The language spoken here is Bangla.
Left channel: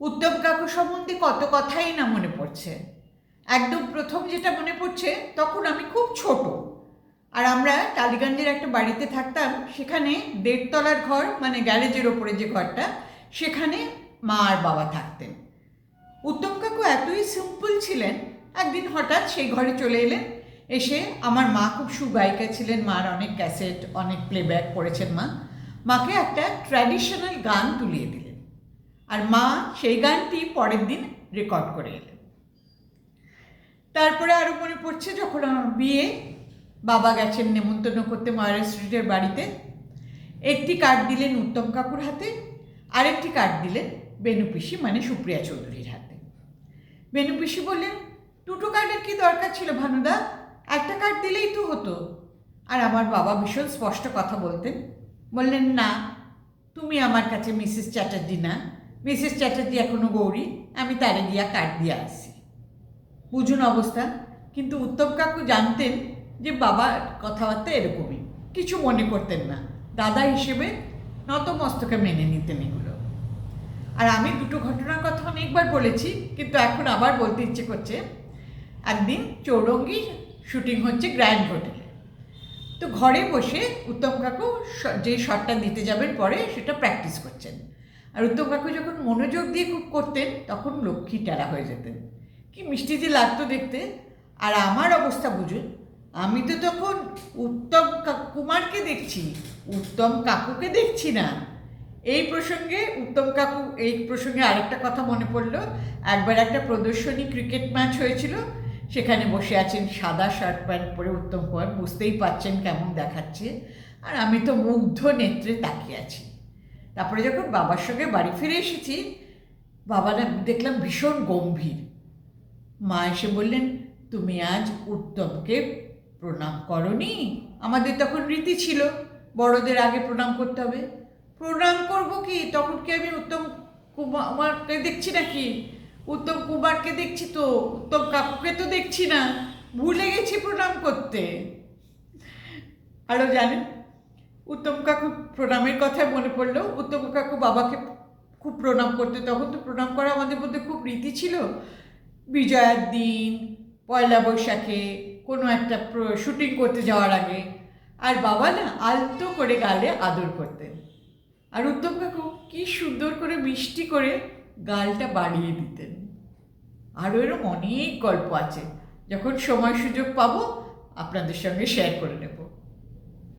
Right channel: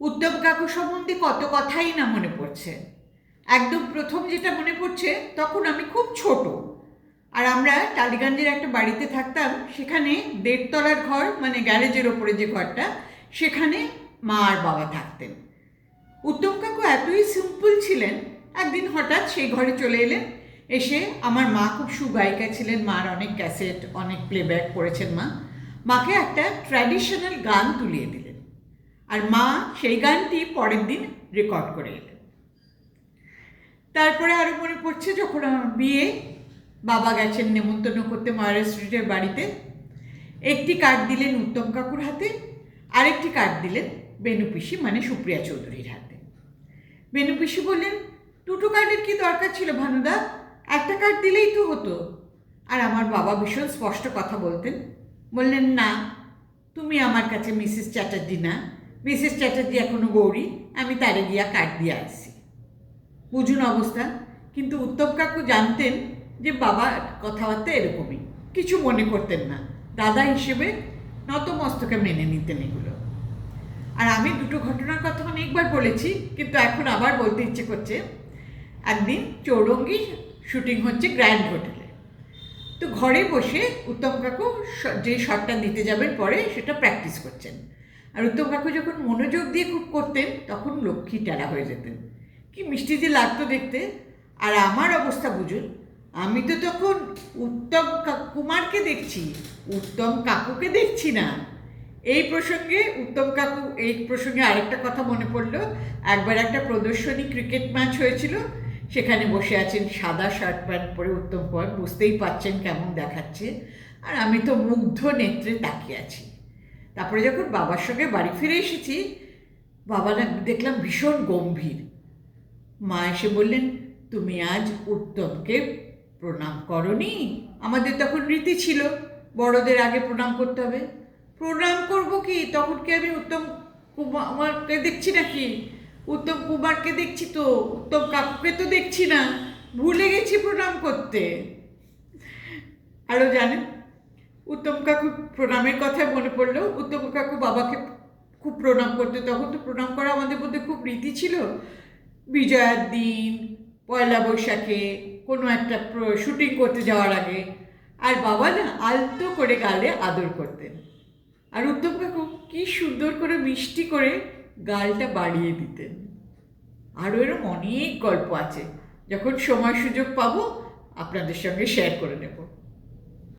উত্তম কাকু সম্বন্ধে কত কথাই না মনে পড়ছে। একদম প্রথম যেটা মনে পড়ছে, তখন আমি খুব ছোট, আর আমরা টালিগঞ্জের একটা বাড়িতে থাকতাম। সেখানে 1.5 তলার ঘর, মানে গ্যারেজের ওপরে যে ঘরটা, সেখানে মা আর বাবা থাকতেন। উত্তম কাকু এতই সিম্পল ছিলেন, একদিন হঠাৎ সেই ঘরে চলে এলেন। এসে, আমার মা খুব সুগায়িকা ছিলেন, মার অনেক ক্যাসেট, অনেক প্লেব্যাক করেছেন মা, মাকে একটা ট্র্যাডিশনাল গান তুলিয়ে দিলেন। আর মা সেই গানটি পরের দিন রেকর্ড করে এলেন। তারপরে আরও মনে পড়ছে, যখন আমার বিয়ে, বাবা গেছেন নেমন্তন্ন করতে ময়রা স্ট্রিটের বাড়িতে। একটি কার্ড দিলেন উত্তম কাকুর হাতে, আরেকটি কার্ড দিলেন বেনু পিসি, মানে সুপ্রিয়া চৌধুরীর হাতে। বেনু পিসি বললেন, দুটো কার্ডের কি দরকার ছিল ভানুদা, একটা কার্ড দিলেই তো হতো। আর আমার বাবা ভীষণ স্পষ্ট কথা বলতেন, বললেন, না, তুমি আমার কাছে মিসেস চ্যাটার্জি না, মিসেস চ্যাটার্জি এখনো গৌরী, আমি তারে গিয়া কার্ড দিয়ে আসছি। বুঝুন অবস্থা। কিন্তু উত্তম কাকু জানতেন যে বাবার কথাবার্তা এরকমই, কিছু মনে করতেন না, দাদা হিসেবে নতমস্তকে মেনে নিতেন এগুলো। আর আমি দুটো ঘটনার কথা অনেকবার বলেছি, কিন্তু এখন আবার বলতে ইচ্ছে করছে। একদিন চৌরঙ্গি শুটিং হচ্ছে গ্র্যান্ড হোটেলে। তো ঘরে বসে উত্তম কাকু যে শটটা দিতে যাবেন পরে, সেটা প্র্যাকটিস করছেন। আর উত্তম কাকু যখন মনোযোগ দিয়ে খুব করতেন, তখন লক্ষ্মী টেরা হয়ে যেতেন, কি মিষ্টি যে লাগতো দেখতে। আর আমার অবস্থা বুঝুন, আমি তো তখন উত্তম কুমারকে দেখছি, উত্তম কাকুকে দেখছি না। এই প্রসঙ্গে আরেকটা কথা মনে পড়লো। একবার একটা প্রদর্শনী ক্রিকেট ম্যাচ হয়েছিল, সেখানে বসে আছেন সাদা শার্ট প্যান্ট পরে উত্তম কুমার, বুঝতেই পারছেন কেমন দেখাচ্ছে। আর আমি তো মুগ্ধ নেত্রে তাকিয়ে আছি। তারপরে যখন বাবার সঙ্গে বাড়ি ফিরে এসেছি, বাবারা দেখলাম ভীষণ গম্ভীর। মা এসে বললেন, তুমি আজ উত্তমকে প্রণাম করনি? আমাদের তখন রীতি ছিল, বড়দের আগে প্রণাম করতে হবে। প্রণাম করব কি, তখন কি আমি উত্তম কুমারকে দেখছি নাকি? উত্তম কুমারকে দেখছি তো, উত্তম কাকুকে তো দেখছি না, ভুলে গেছি প্রণাম করতে। আরও জানেন, উত্তম কাকু প্রণামের কথা মনে পড়লো, উত্তম কাকু বাবাকে খুব প্রণাম করতে। তখন তো প্রণাম করা আমাদের মধ্যে খুব রীতি ছিল। বিজয়ার দিন, পয়লা বৈশাখে, কোনো একটা শুটিং করতে যাওয়ার আগে। আর বাবা না আলতো করে গালে আদর করতেন, আর উত্তম কাকু কি সুন্দর করে মিষ্টি করে গালটা বাড়িয়ে দিতেন। আরও এরকম অনেক গল্প আছে, যখন সময় সুযোগ পাবো আপনাদের সঙ্গে শেয়ার করে নেব।